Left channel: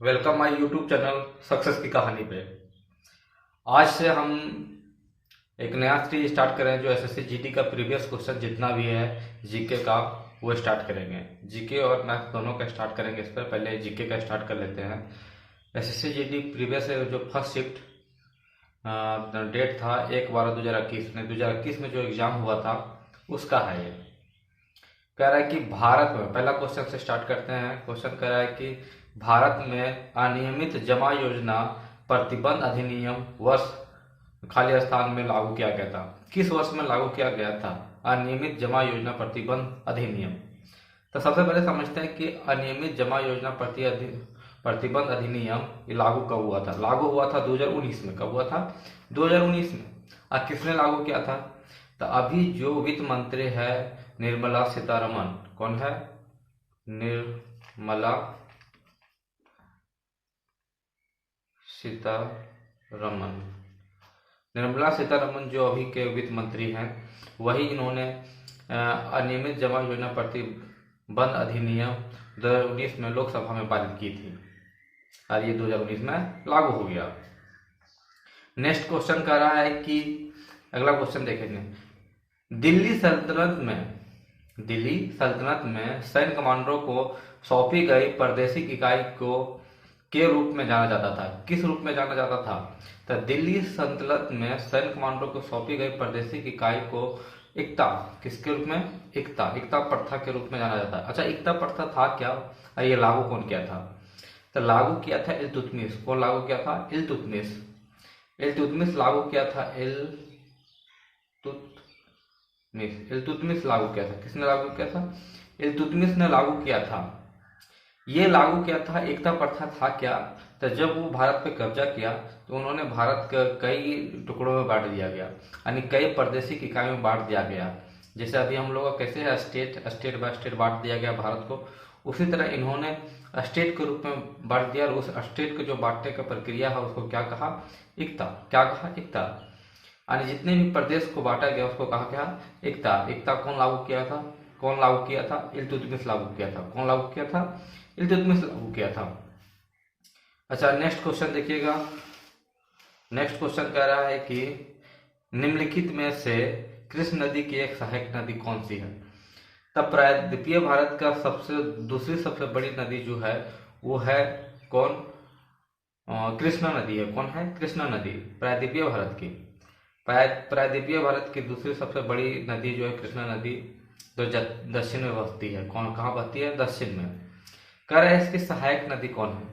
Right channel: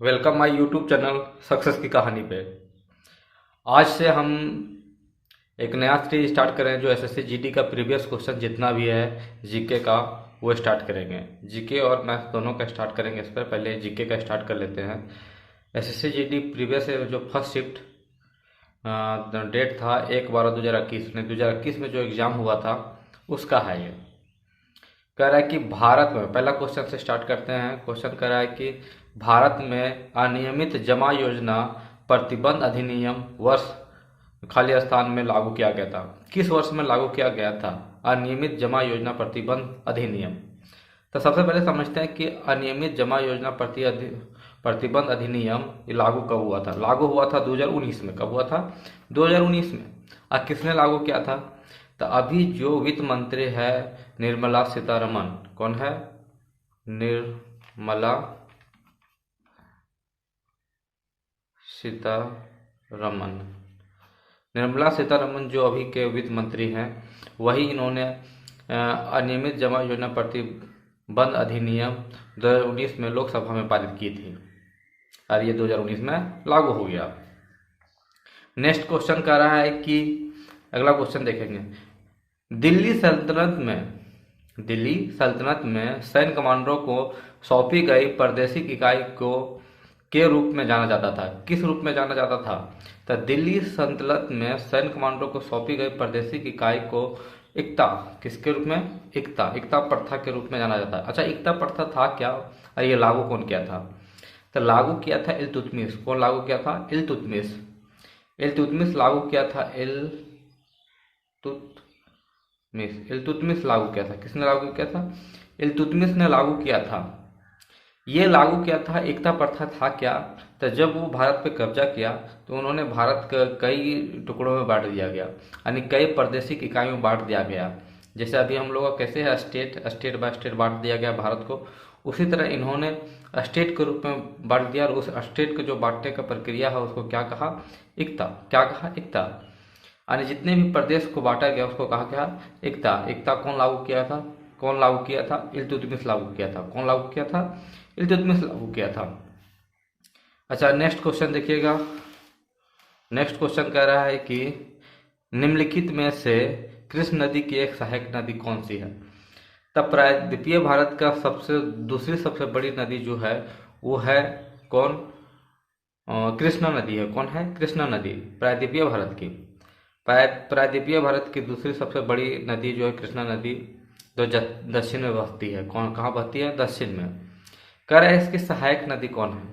Welcome my YouTube channel success की कहानी पे। आज से हम एक नया सीरीज स्टार्ट कर रहे हैं जो एसएससी जीडी का प्रीवियस क्वेश्चन जितना भी है जीके का वो स्टार्ट करेंगे। जीके और मैथ्स दोनों का स्टार्ट करेंगे। इस पर पहले जीके का स्टार्ट कर लेते हैं। एसएससी जीडी प्रीवियस जो फर्स्ट शिफ्ट डेट था 1/12/2021 में 2021 में जो एग्ज़ाम हुआ था उसका है ये। कह रहा है कि भारत में, पहला क्वेश्चन से स्टार्ट करते हैं। क्वेश्चन कह रहा है कि भारत में अनियमित जमा योजना प्रतिबंध अधिनियम वर्ष खाली स्थान में लागू किया गया था। किस वर्ष में लागू किया गया था अनियमित जमा योजना प्रतिबंध अधिनियम? तो सबसे पहले समझते हैं कि अनियमित जमा योजना प्रतिबंध अधिनियम ये लागू कब हुआ था? लागू हुआ था 2019 में। कब हुआ था? 2019 में। और किसने लागू किया था? तो अभी जो वित्त मंत्री है निर्मला सीतारमन। कौन है? निर्मला सीतारमन। निर्मला सीतारमन जो अभी के वित्त मंत्री हैं वही इन्होंने अनियमित जमा योजना प्रतिबंध अधिनियम 2019 में लोकसभा में पारित की थी और ये 2019 में लागू हो गया। नेक्स्ट क्वेश्चन कह रहा है कि अगला क्वेश्चन देखेंगे। दिल्ली सल्तनत में सैन्य कमांडरों को सौंपी गई प्रादेशिक इकाई को के रूप में जाना जाता था। किस रूप में जाना जाता था? तो दिल्ली सल्तनत में सैन्य कमांडरों को सौंपी गई प्रादेशिक इकाई को इक्ता, किसके रूप में? इक्ता प्रथा के रूप में जाना जाता है। अच्छा, इक्ता प्रथा था क्या और ये लागू कौन किया था? तो लागू किया था इल्तुतमिश। कौन लागू किया था? इल्तुतमिश। इल्तुतमिश लागू किया था। इल्तुतमिश लागू किया था। किसने लागू किया था? इल्तुतमिश ने लागू किया था। ये लागू किया था। एकता प्रथा था क्या? तो जब वो भारत पे कब्जा किया तो उन्होंने भारत को कई टुकड़ों में बांट दिया गया, यानी कई प्रादेशिक इकाइयों में बांट दिया गया। जैसे अभी हम लोगों को कैसे स्टेट बाय स्टेट बांट दिया गया भारत को, उसी तरह इन्होंने स्टेट के रूप में बांट दिया। और उस स्टेट को जो बांटने का प्रक्रिया है उसको क्या कहा? एकता। क्या कहा? एकता। यानी जितने भी प्रदेश को बांटा गया उसको कहा क्या? एकता। एकता कौन लागू किया था? कौन लागू किया था? इल्तुतमिश लागू किया था। कौन लागू किया था? इल्तुतमिश लागू किया था। अच्छा, नेक्स्ट क्वेश्चन देखिएगा। नेक्स्ट क्वेश्चन कह रहा है कि निम्नलिखित में से कृष्ण नदी की एक सहायक नदी कौन सी है? तब प्रायद्वीपीय भारत का दूसरी सबसे बड़ी नदी जो है वो है कौन? कृष्णा नदी है। कौन है? कृष्णा नदी प्रायद्वीपीय भारत की। प्रायद्वीपीय भारत की दूसरी सबसे बड़ी नदी जो है कृष्णा नदी, जो दक्षिण में बहती है। कौन कहाँ बहती है? दक्षिण में। कह रहे हैं इसकी सहायक नदी कौन है?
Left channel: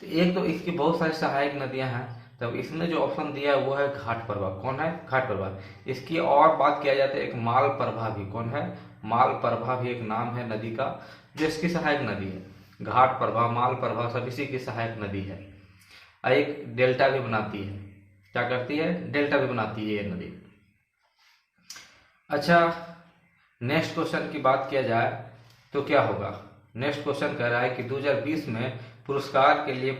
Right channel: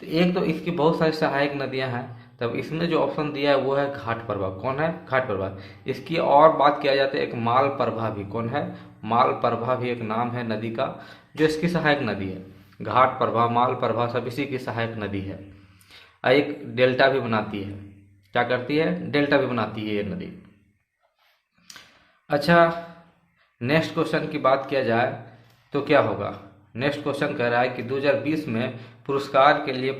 तो एक तो इसकी बहुत सारी सहायक नदियां हैं, तब इसने जो ऑप्शन दिया है वो है घाट प्रभा। कौन है? घाट प्रभा। इसकी और बात किया जाता है एक माल प्रभा भी। कौन है? माल प्रभा भी एक नाम है नदी का जो इसकी सहायक नदी है। घाट प्रभा, माल प्रभा सब इसी की सहायक नदी है। और एक डेल्टा भी बनाती है। क्या करती है? डेल्टा भी बनाती है ये नदी। अच्छा, नेक्स्ट क्वेश्चन की बात किया जाए तो क्या होगा? नेक्स्ट क्वेश्चन कह रहा है कि 2020 में पुरस्कार के लिए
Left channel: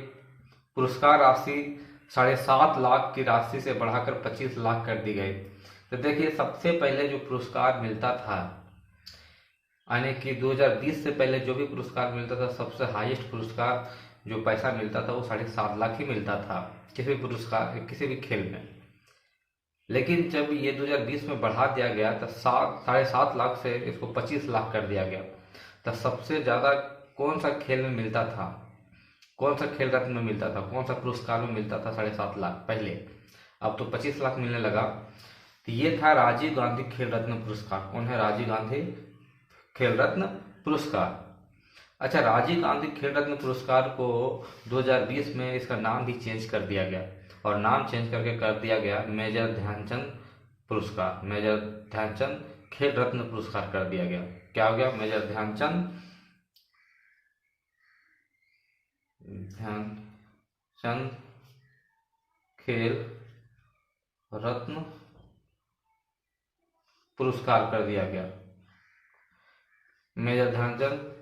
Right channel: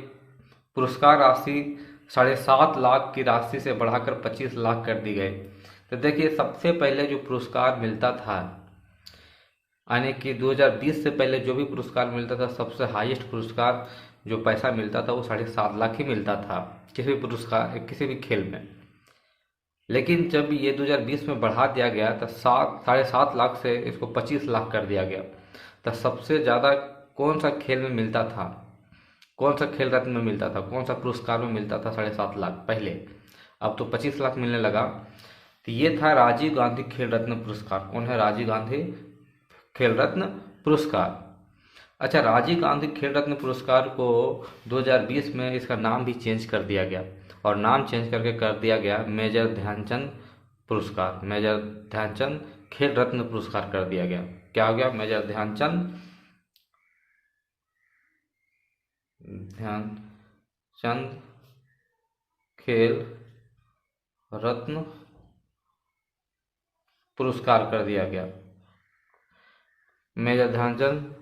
पुरस्कार राशि 7.5 लाख की राशि से बढ़ाकर 25 लाख कर दी गई। तो देखिए, सबसे पहले जो पुरस्कार मिलता था, यानी कि 2020 से पहले जो भी पुरस्कार मिलता था, सबसे हाईएस्ट पुरस्कार जो पैसा मिलता था वो 7.5 लाख ही मिलता था किसी भी पुरस्कार, किसी भी खेल में। लेकिन जब ये 2020 में बढ़ा दिया गया तो 7.5 लाख से इसको 25 लाख कर दिया गया। तो सबसे ज़्यादा कौन सा खेल में मिलता था? कौन सा खेल रत्न में मिलता था? कौन सा पुरस्कार में मिलता था 7.5 लाख पहले? अब तो 25 लाख मिलने लगा। तो ये था राजीव गांधी खेल रत्न पुरस्कार। कौन है? राजीव गांधी खेल रत्न पुरस्कार। अच्छा, राजीव गांधी खेल रत्न पुरस्कार को 2020 में इसका नाम भी चेंज कर दिया गया, और नाम चेंज करके कर दिया गया मेजर ध्यानचंद पुरस्कार। मेजर ध्यानचंद खेल रत्न पुरस्कार कर दिया गया। क्या हो गया? मेजर ध्यानचंद खेल रत्न पुरस्कार कर दिया गया। मेजर ध्यानचंद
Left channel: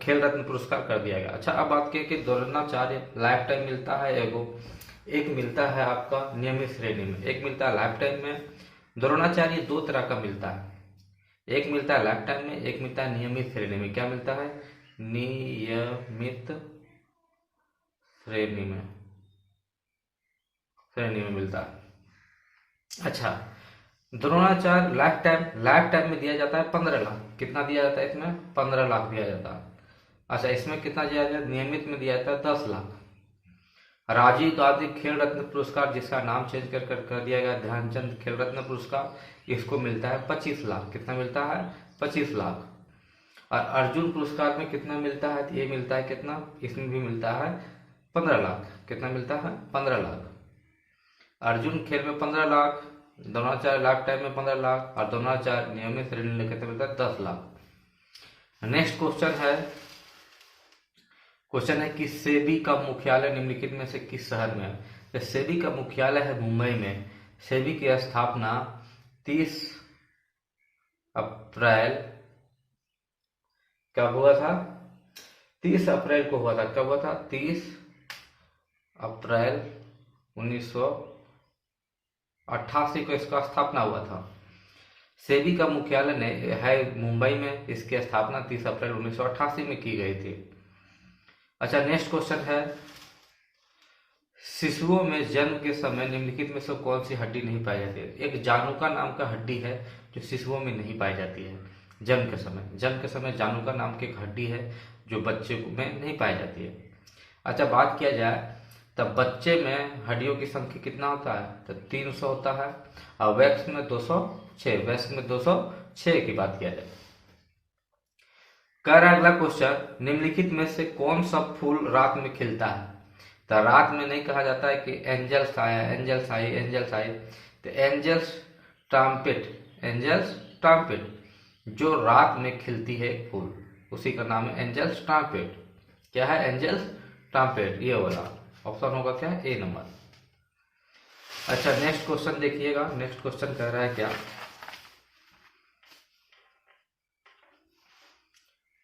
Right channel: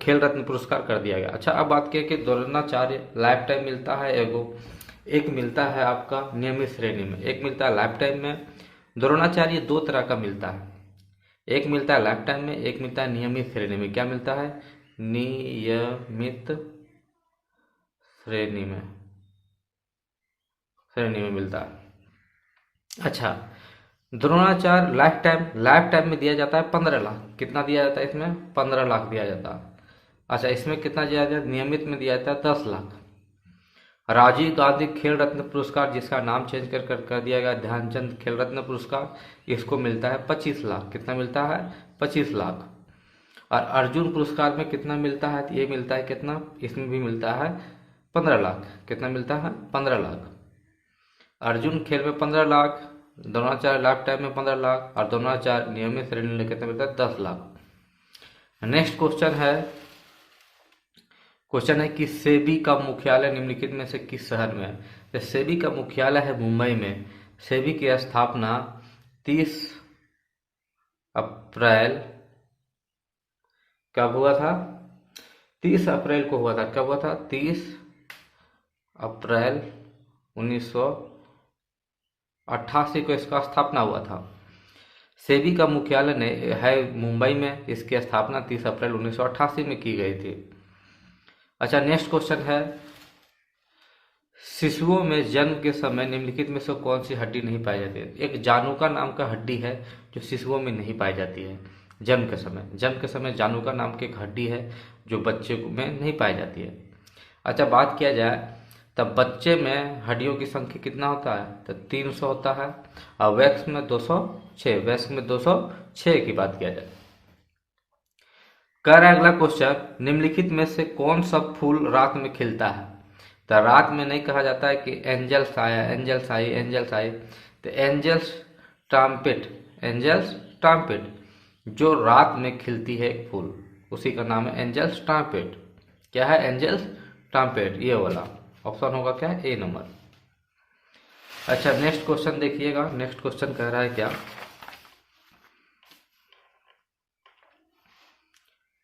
खेल रत्न पुरस्कार कर दिया गया। अच्छा, अब बात करें कि द्रोणाचार्य लाइफ टाइम मिलता है एक मिलता है आपका नियमित श्रेणी में, एक मिलता है लाइफ टाइम में। द्रोणाचार्य दो तरह का मिलता है, एक मिलता है लाइफ टाइम में, एक मिलता है नियमित श्रेणी में। क्या मिलता है? नियमित श्रेणी में मिलता है। अच्छा, द्रोणाचार्य लाइफ टाइम में दिया जाता है 15 लाख। कितना दिया जाता है इसमें? 15 लाख दिया जाता है। अच्छा, इसमें कितना दिया जाता है? नियमित में दिया जाता है 10 लाख। राजीव गांधी खेल रत्न पुरस्कार, जिसका नाम चेंज कर दिया गया ध्यानचंद खेल रत्न पुरस्कार, इसको मिलता है 25 लाख। कितना मिलता है? 25 लाख। और अर्जुन पुरस्कार में कितना मिलता है? तो ये मिलता है कितना? इसमें भी मिलता है 15 लाख। कितना मिलता है? 15 लाख। अर्जुन खेल में 15 लाख, द्रोणाचार्य लाइफ टाइम में 15 लाख, और द्रोणाचार्य नियमित श्रेणी में कितना मिलता है? 10 लाख। नेक्स्ट क्वेश्चन है कि सेबी का मुख्यालय निम्नलिखित में से किस शहर में है? तो सेबी का मुख्यालय है मुंबई में। सेबी की स्थापना 30 अप्रैल कब हुआ था? 30 अप्रैल को हुआ था। कब हुआ था? 30 अप्रैल 1988 को इसका स्थापना हुआ था। सेबी का मुख्यालय है मुंबई में। इसकी स्थापना 30 अप्रैल 1988 में की गई थी। अच्छा, नेक्स्ट क्वेश्चन है, शिशुओं में जन्म के समय निम्नलिखित में से कौन सी हड्डी नहीं पाई जाती है? एक जानुका नाम का हड्डी है जो शिशुओं में नहीं पाई जाती है जन्म के समय जानुका नाम की एक हड्डी है जो बच्चे में नहीं पाई जाती है। अच्छा, बात किया जाए तब बच्चे में हड्डियों की संख्या कितना होता है? तो 300 होता है। और वयस्क में 206 की बात किया जाए। कह रहा है अगला क्वेश्चन, निम्नलिखित में से कौन सा फूल रात में खिलता है? तो रात में नहीं कहा जाता है कि एंजल्स आया, एंजल्स आई। तो एंजल्स ट्रांपेट जो रात में खिलती है एक फूल, उसी का नाम है एंजल्स ट्रांपेट। क्या है? एंजल्स ट्रांपेट। ये वाला ऑप्शन होगा क्या? ए नंबर। अच्छा, नेक्स्ट क्वेश्चन देखिएगा। नेक्स्ट क्वेश्चन कह रहा है क्या?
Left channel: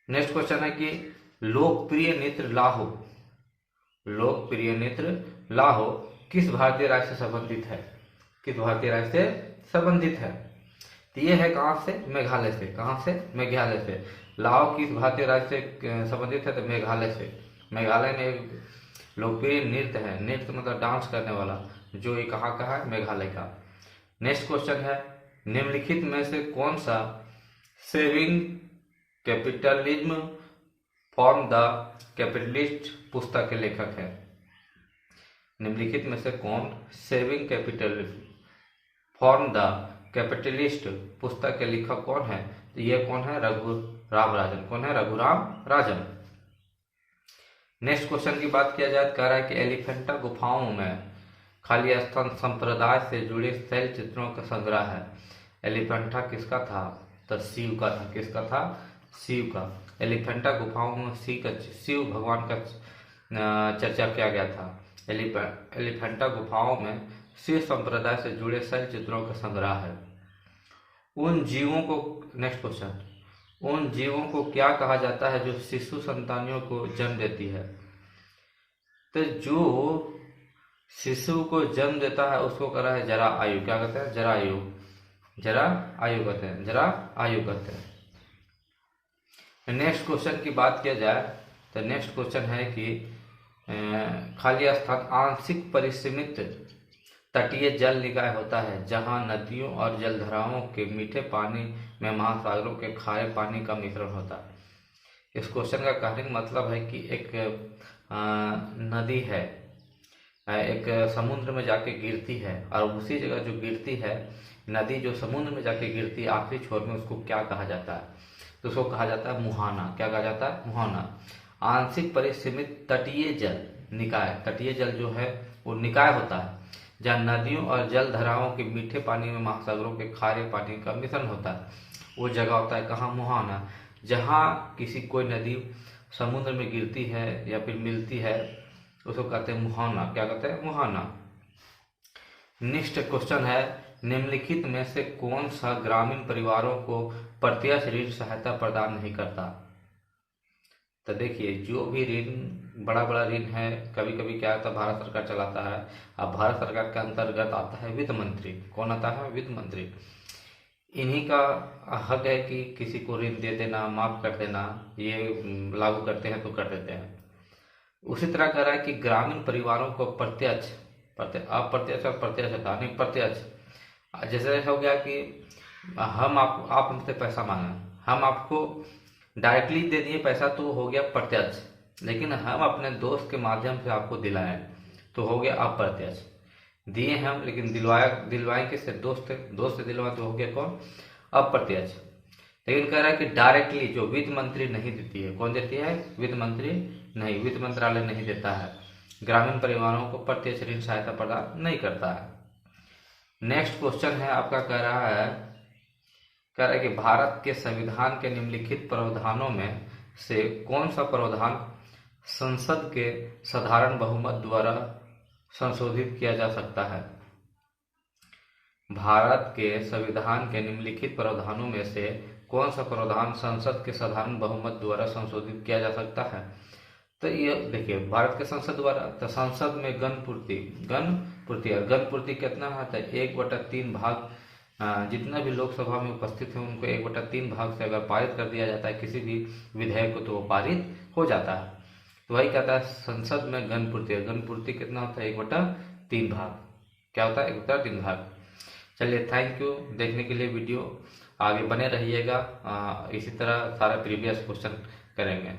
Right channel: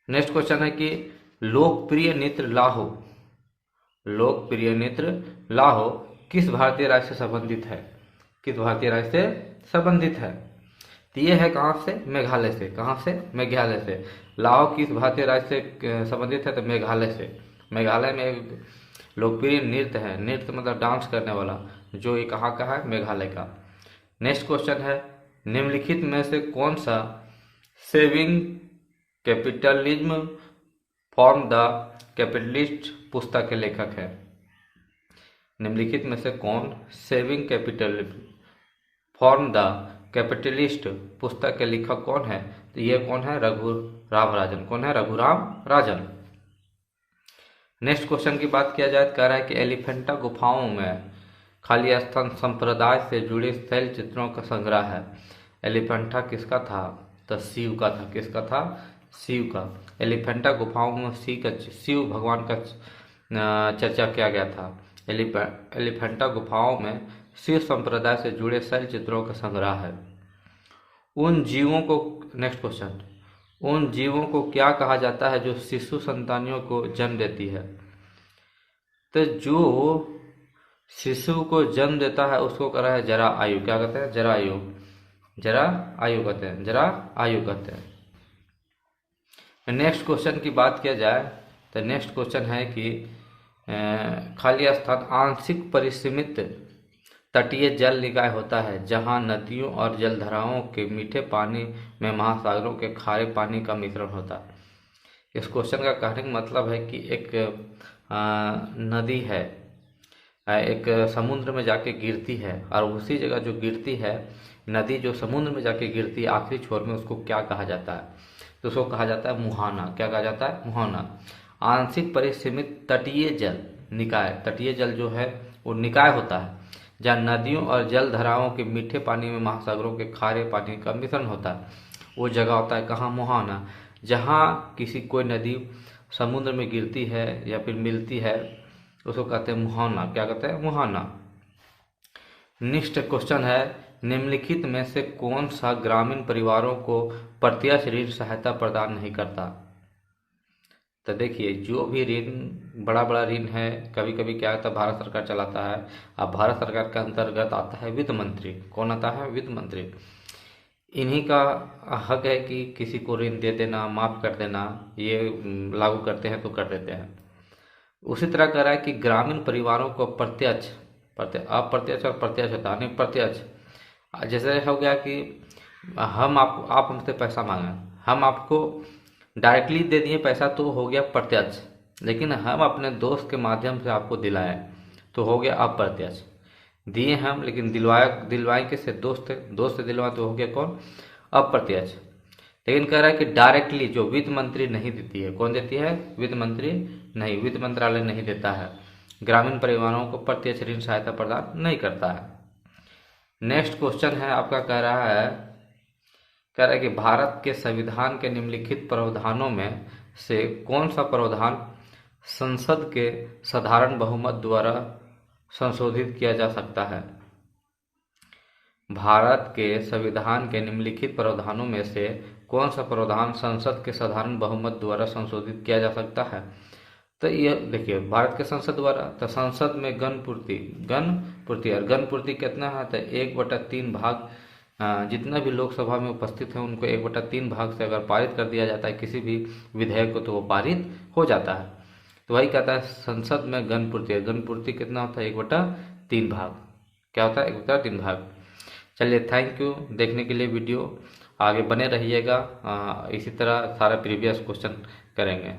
नेक्स्ट क्वेश्चन है कि लोकप्रिय नृत्य लाहो किस भारतीय राज्य से संबंधित है? किस भारतीय राज्य से संबंधित है? तो ये है कहाँ से? मेघालय से। कहाँ से? मेघालय से। लाहो किस भारतीय राज्य से संबंधित है? तो मेघालय से। मेघालय में एक लोकप्रिय नृत्य है, नृत्य मतलब डांस करने वाला, जो ये कहाँ का है? मेघालय का। नेक्स्ट क्वेश्चन है, निम्नलिखित में से कौन सा saving capitalism form the capitalist पुस्तक के लेखक है? निम्नलिखित में से कौन saving capitalism form the capitalist पुस्तक के लेखक कौन है? तो ये कौन है? रघुराम राजन। कौन है? रघुराम राजन। नेक्स्ट क्वेश्चन की बात किया जाए, कह रहा है कि एलिफेंटा गुफाओं में खाली स्थान संप्रदाय से जुड़े शैल चित्रों का संग्रह है। एलिफेंटा किसका था? तो शिव का था। किसका था? शिव का। एलिफेंटा गुफाओं में शिव भगवान का चर्चा किया गया था। एलिफेंटा गुफाओं में शिव संप्रदाय से जुड़े शैल चित्रों का संग्रह है। नेक्स्ट क्वेश्चन, उन जीवों को क्या कहा जाता है जो शिशु संतानियों को जन्म देती है? तो जो शिशु को जन्म देता है उसको कह रहा है जरा आयु। क्या कहते हैं? जरा आयु कहते हैं। नेक्स्ट क्वेश्चन की बात किया जाए तो नेक्स्ट क्वेश्चन है कि खाली स्थान आंशिक परिसीमित तटीय जल निकाय होता है जहां नदियों और जलधाराओं के मीठे पानी में महासागरों के खारे पानी का मिश्रण होता है। इस क्वेश्चन का कहने का मतलब है कि एक नदी है, एक समुद्र में जाके गिरती है, और उसी जगह जो गिरती है नदी, जो समुद्र में जाके गिरती है आखिरी छोर में, उसको क्या कहा जाता है? तो उसको कहा जाता है मुहाना। क्या कहा जाता है? मुहाना। आंशिक परिसीमित तटीय जल निकाय, तटीय जल जो है वो निकाय होता है जहाँ नदियों और जल धाराओं के मीठे पानी में महासागरों के खारे पानी का मिश्रण होता है। वो जगह होता है कहाँ? मुहाना। जहाँ कोई नदी समुद्र में गिरती है या फिर मिलती है उसको कहते हैं मुहाना। क्या कहते हैं? मुहाना। नेक्स्ट क्वेश्चन है, निम्नलिखित में से कौन सा ग्रामीण परिवारों को प्रत्यक्ष ऋण सहायता प्रदान नहीं करता? तो देखिए, जो भी ऋण बड़ा ऋण है, कभी कभी क्या होता है भारत सरकार चलाता है। अब भारत सरकार के अंतर्गत आता है वित्त मंत्री। कौन आता है? वित्त मंत्री। इन्हीं का हक है कि किसी को ऋण दे देना, माफ कर देना, ये लागू करते हैं तो कर देते हैं। उसी तरह कह रहा है कि ग्रामीण परिवारों को प्रत्यक्ष अप्रत्यक्ष और प्रत्यक्ष होता है, नहीं प्रत्यक्ष। जैसे हो गया कि हम आप हमसे पैसा मांगे, हम आपको डायरेक्टली दे दिए पैसा तो हो गया प्रत्यक्ष, लेकिन हम अपने दोस्त के माध्यम से आपको दिलाए तो हो गया अप्रत्यक्ष। दिए हम लेकिन दिलवाए किससे? दोस्त से दिलवाए तो हो गया कौन? अप्रत्यक्ष। लेकिन कह रहा है कि डायरेक्टली जो वित्त मंत्री नहीं देती है, कौन देती है? वित्त मंत्री नहीं, वित्त मंत्रालय नहीं देता है, ग्रामीण परिवारों को प्रत्यक्ष ऋण सहायता प्रदान नहीं करता है। नेक्स्ट क्वेश्चन है आपका, कह रहा है कि भारत के संविधान के निम्नलिखित प्रावधानों में से कौन सा प्रावधान संसद के साधारण बहुमत द्वारा संशोधित किया जा सकता है? भारत के संविधान के निम्नलिखित प्रावधानों में से कौन सा प्रावधान संसद के साधारण बहुमत द्वारा संशोधित किया जा सकता है? तो ये देखिए, भारत के संसद द्वारा, तो संसद में गण पूर्ति कितना है? तो 1/3 भाग, जितना भी लोकसभा में उपस्थित है उनको 1/3 भाग से अगर पारित कर दिया जाता है किसी भी विधेयक को तो वो पारित हो जाता है। तो वही कहता है संसद में गण पूर्ति कितना होता है? 1/3 भाग। क्या होता है? 1/3 भाग। चलिए, थैंक यू देखने के लिए वीडियो, आगे बने रहिएगा, इसी तरह सारा प्रीवियस क्वेश्चन करेंगे।